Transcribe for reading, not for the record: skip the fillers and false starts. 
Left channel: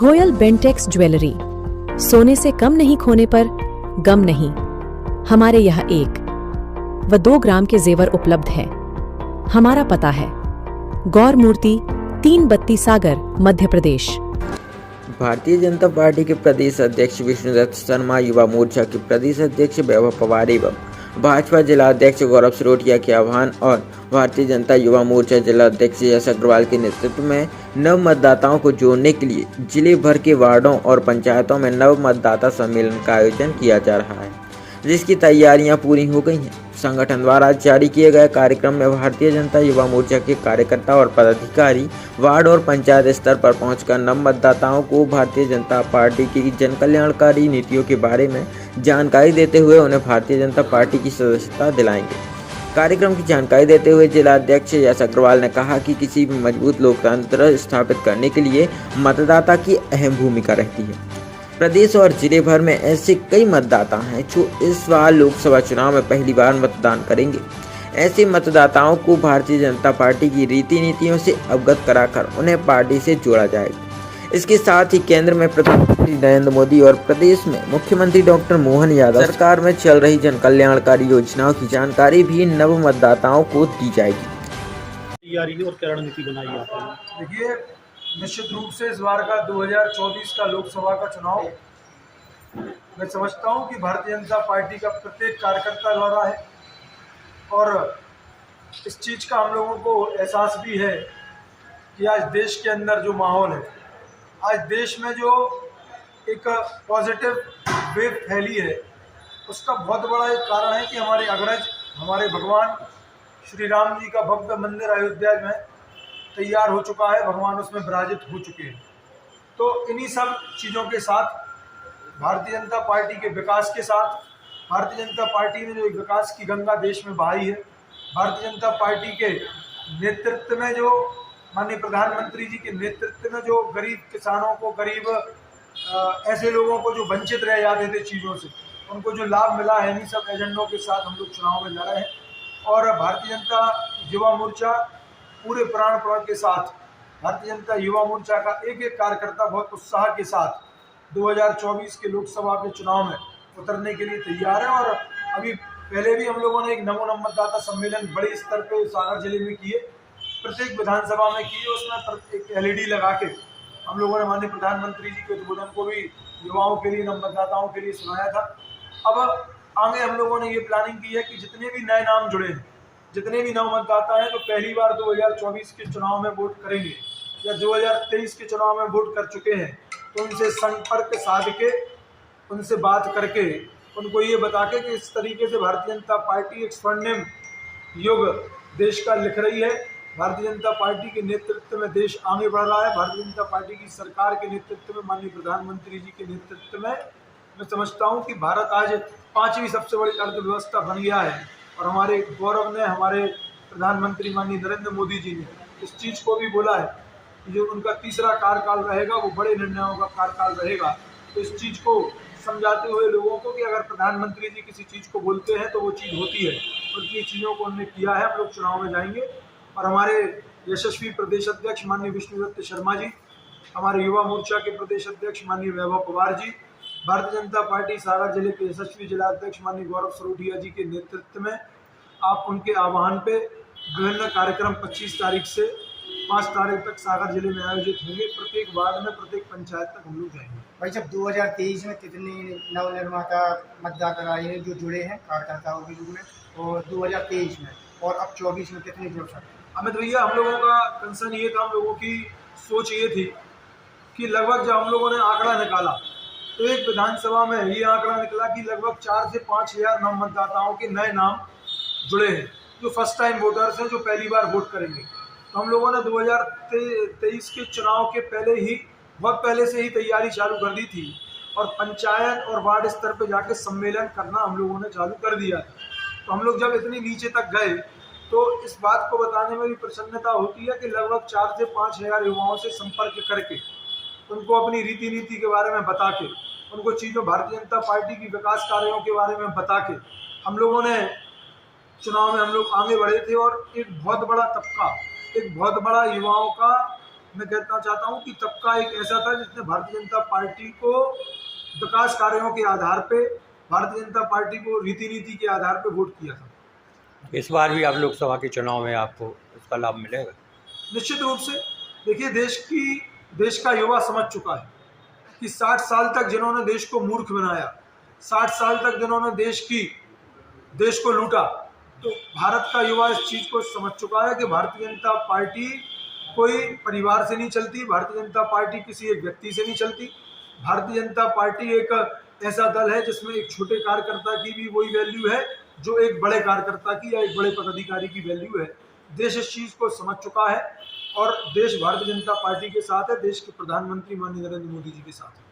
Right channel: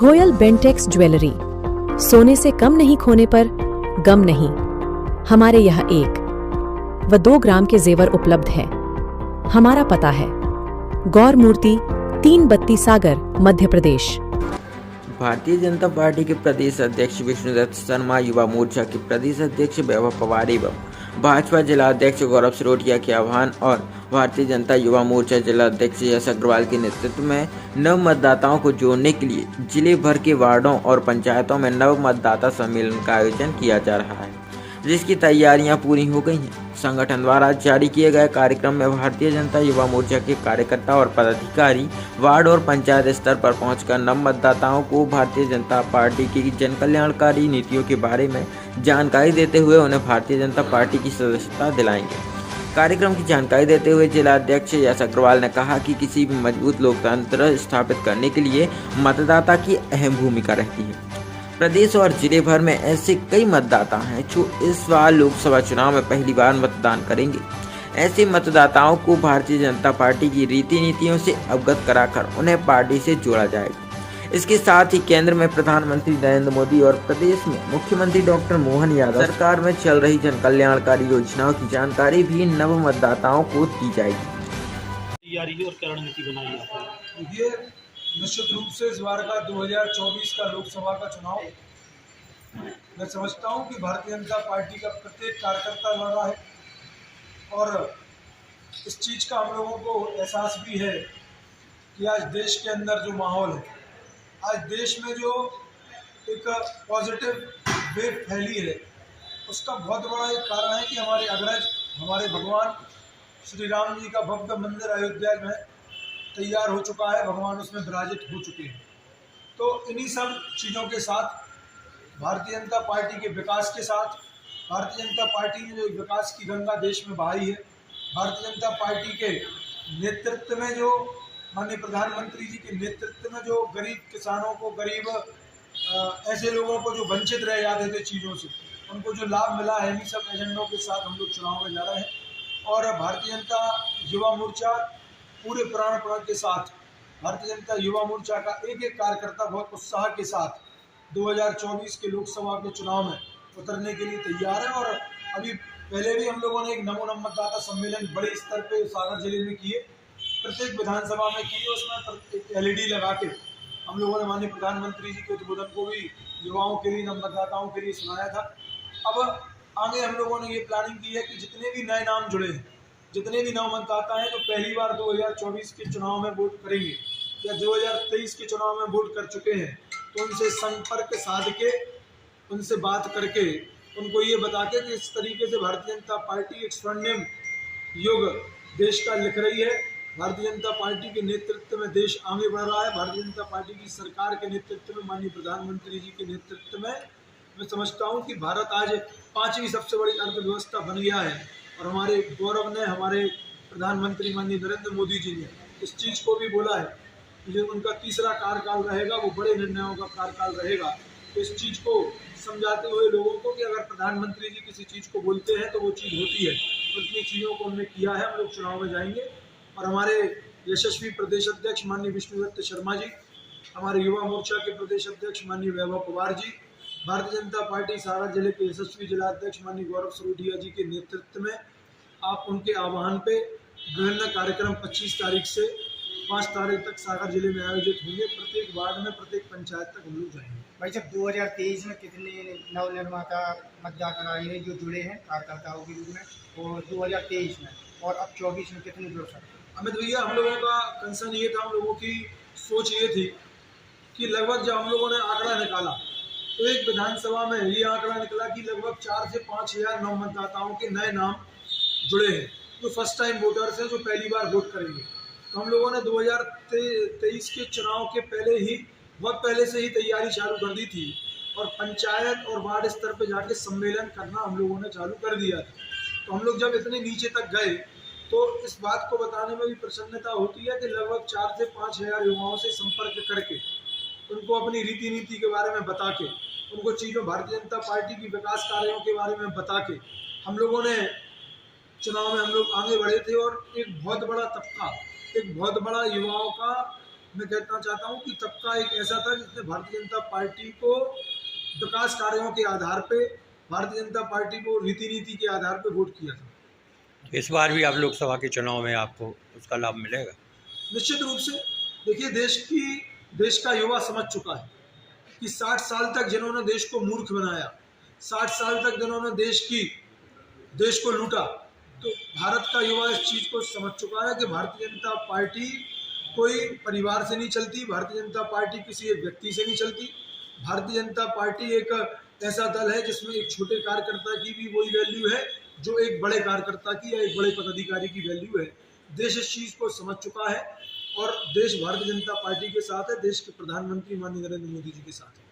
Goyal Bentex jewellery, सोने से कम नहीं खोने पर गम नहीं। हमारे यहाँ 1 व 2 ग्राम के जेवर उपलब्ध है। हमारा पता है गौर मूर्ति 3 बत्ती सागर, मध्य प्रदेश। भारतीय जनता पार्टी के प्रदेश अध्यक्ष विष्णुदत्त शर्मा, युवा मोर्चा के प्रदेश अध्यक्ष वैभव पवार एवं भाजपा जिला अध्यक्ष गौरव सरोटिया के आह्वान और भारतीय जनता युवा मोर्चा जिला अध्यक्ष यश अग्रवाल के नेतृत्व में नव मतदाताओं को जोड़ने के लिए जिले भर के वार्डों और पंचायतों में नव मतदाता सम्मेलन का आयोजन किया जा रहा है, जिसकी तैयारियां पूरी हो गई हैं। संगठन द्वारा जारी किए गए कार्यक्रम में भारतीय जनता युवा मोर्चा के कार्यकर्ता और पदाधिकारी वार्ड और पंचायत स्तर पर पहुंचकर नव मतदाताओं को भारतीय जनता पार्टी की जन कल्याणकारी नीतियों के बारे में जानकारी देते हुए उन्हें भारतीय जनता पार्टी की सदस्यता दिलाएंगे। कार्यक्रम की जानकारी देते हुए जिला अध्यक्ष यश अग्रवाल ने कहा कि किसी भी मजबूत लोकतंत्र स्थापित करने के लिए मतदाता की अहम भूमिका रहती है। प्रदेश और जिले भर में ऐसे कई मतदाता हैं जो इस बार लोकसभा चुनाव में पहली बार मतदान करेंगे। ऐसे मतदाताओं को भारतीय जनता पार्टी की रीति नीतियों से अवगत कराकर उन्हें पार्टी से जोड़ा जाएगा। इसके साथ ही केंद्र में प्रधानमंत्री नरेंद्र मोदी और प्रदेश में मुख्यमंत्री डॉक्टर मोहन यादव सरकार में चल रही जन कल्याणकारी योजनाओं की जानकारी भी नव मतदाताओं को दी जाएगी। तैयारी और क्या रणनीति बनाई आपने? देखिए, निश्चित रूप से इस बार का 2024 का लोकसभा का चुनाव मैं समझता हूं कि भारतीय जनता पार्टी का प्रत्येक कार्यकर्ता लड़ रहा है और इस चीज़ का हम लोगों को एहसास भी है कि आज देश के अंदर जो माहौल है, आज देश में जो एक पॉजिटिव वेव फैली है, उसका बहुत बड़ा एक कारण है कि हमारे अग्रज, हमारे भगवान श्री राम जी का भव्य मंदिर अयोध्या में तैयार हो चुका है, भगवान उसमें विराजित हो चुके हैं। तो इन्हीं सब चीज़ों के साथ भारतीय जनता पार्टी के विकास के साथ भारतीय जनता पार्टी ने जो एक विकास की गंगा देश में बहाई है, भारतीय जनता पार्टी के नेतृत्व में जो माननीय प्रधानमंत्री जी के नेतृत्व में जो गरीब किसानों को, गरीब ऐसे लोगों को जो वंचित रह जाते थे चीज़ों से, उनको जो लाभ मिला है, इन्हीं सब एजेंडों के साथ हम लोग चुनाव में लड़ रहे हैं। और भारतीय जनता युवा मोर्चा पूरे प्राण के साथ, भारतीय जनता युवा मोर्चा का एक एक कार्यकर्ता बहुत उत्साह के साथ 2024 के लोकसभा के चुनाव में उतरने के लिए तैयार है। और अभी पहले भी हम लोगों ने एक नमो मतदाता सम्मेलन बड़े स्तर पे सागर जिले में किए, प्रत्येक विधानसभा में किए। उसमें एक LED लगा के हम लोगों ने माननीय प्रधानमंत्री जी के उद्बोधन को भी युवाओं के लिए, नव मतदाताओं के लिए सुनाया था। अब आगे हम लोगों ने ये प्लानिंग की है कि जितने भी नए नाम जुड़े हैं, जितने भी नव मतदाता हैं जो पहली बार 2024 के चुनाव में वोट करेंगे या 2023 के चुनाव में वोट कर चुके हैं, तो उनसे संपर्क साध के, उनसे बात करके, उनको ये बता के कि इस तरीके से भारतीय जनता पार्टी एक स्वर्णिम युग देश का लिख रही है। भारतीय जनता पार्टी के नेतृत्व में देश आगे बढ़ रहा है। भारतीय जनता पार्टी की सरकार के नेतृत्व में, माननीय प्रधानमंत्री जी के नेतृत्व में मैं समझता हूँ कि भारत आज 5वीं सबसे बड़ी अर्थव्यवस्था बन गया है। और हमारे गौरव ने, हमारे प्रधानमंत्री माननीय नरेंद्र मोदी जी ने इस चीज़ को भी बोला है कि जो उनका तीसरा कार्यकाल रहेगा वो बड़े निर्णयों का कार्यकाल रहेगा। तो इस चीज़ को समझाते हुए लोगों को कि अगर प्रधानमंत्री जी किसी चीज़ को बोलते हैं तो वो चीज़ होती है, और इतनी चीज़ों को उन्होंने किया है। हम लोग चुनाव में जाएंगे और हमारे यशस्वी प्रदेश अध्यक्ष माननीय विष्णुदत्त शर्मा जी, हमारे युवा मोर्चा के प्रदेश अध्यक्ष माननीय वैभव पवार जी, भारतीय जनता पार्टी सागर जिले के यशस्वी जिला अध्यक्ष माननीय गौरव सरोटिया जी के नेतृत्व में आप उनके आह्वान पे विभिन्न कार्यक्रम 25 तारीख से 5 तारीख तक सागर जिले में आयोजित होंगे। प्रत्येक वार्ड में, प्रत्येक पंचायत तक हम लोग जाएंगे। भाई, जब 2023 में कितने नवनिर्माता मतदाता आए हैं जो जुड़े हैं कार्यकर्ताओं के रूप में, और 2023 में और अब 24 में कितने जुड़ सकते हैं? अमित भैया, हम लोगों का कंसर्न ये था, हम लोगों की सोच ये थी कि लगभग जब हम लोगों ने आंकड़ा निकाला तो एक विधानसभा में ये आंकड़ा निकला कि लगभग 4 से 5 हज़ार नव मतदाताओं के नए नाम जुड़े हैं, जो फर्स्ट टाइम वोटर्स हैं, जो पहली बार वोट करेंगे। तो हम लोगों ने 2023 के चुनाव के पहले ही, बहुत पहले से ही तैयारी चालू कर दी थी और पंचायत और वार्ड स्तर पर जाके सम्मेलन करना हम लोगों ने चालू कर दिया था। तो हम लोग जब इतने नीचे तक गए तो इस बात को बताने में भी प्रसन्नता होती है कि लगभग 4 से 5 हज़ार युवाओं से संपर्क करके, उनको अपनी रीति नीति के बारे में बता के, उनको चीज़ों, भारतीय जनता पार्टी की विकास कार्यों के बारे में बता के हम लोगों ने चुनाव में हम लोग आगे बढ़े थे। और एक बहुत बड़ा तबका, एक बहुत बड़ा युवाओं का मैं कहना चाहता हूं कि तबका एक ऐसा था जिसने भारतीय जनता पार्टी को विकास कार्यों के आधार पे, भारतीय जनता पार्टी को रीति नीति के आधार पे वोट किया था। इस बार भी आप लोकसभा के चुनाव में आपको उसका लाभ मिलेगा? निश्चित रूप से देखिए, देश का युवा समझ चुका है कि 60 साल तक जिन्होंने देश को मूर्ख बनाया, 60 साल तक जिन्होंने देश को लूटा, तो भारत का युवा इस चीज़ को समझ चुका है कि भारतीय जनता पार्टी कोई परिवार से नहीं चलती, भारतीय जनता पार्टी किसी एक व्यक्ति से नहीं चलती। भारतीय जनता पार्टी एक ऐसा दल है जिसमें एक छोटे कार्यकर्ता की भी वही वैल्यू है जो एक बड़े कार्यकर्ता की या एक बड़े पदाधिकारी की वैल्यू है। देश इस चीज़ को समझ चुका है और देश भारतीय जनता पार्टी के साथ है, देश के प्रधानमंत्री माननीय नरेंद्र मोदी जी के साथ है।